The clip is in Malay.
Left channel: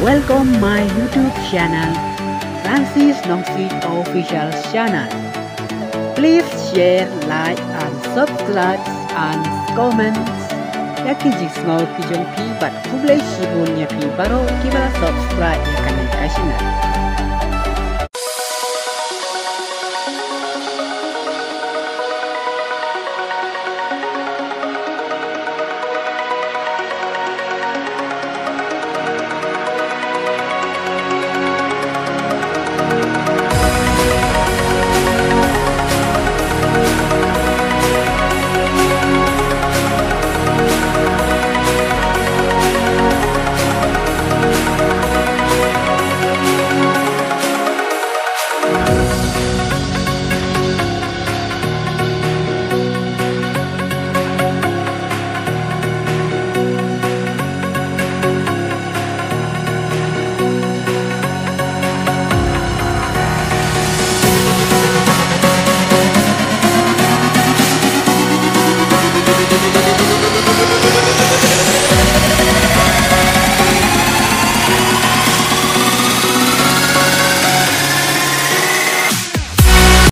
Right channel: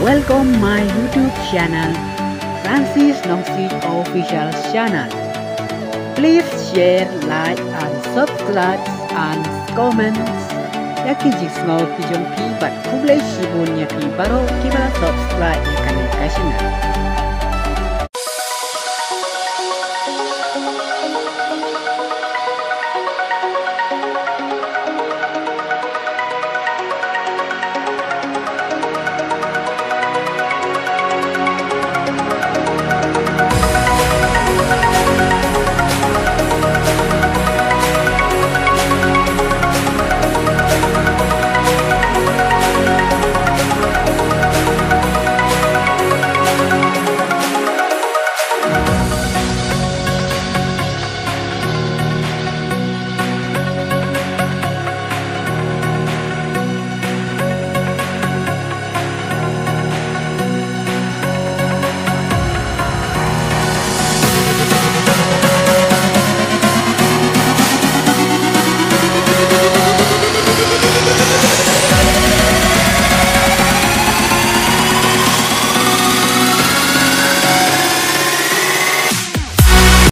Welcome my YouTube channel, Francis Nongsit Official Channel. Please share, like, and subscribe and comments. Yaki jisngau kijong pi bat kublai shibunnya pi baro kibala subscribe ya kanai kasina.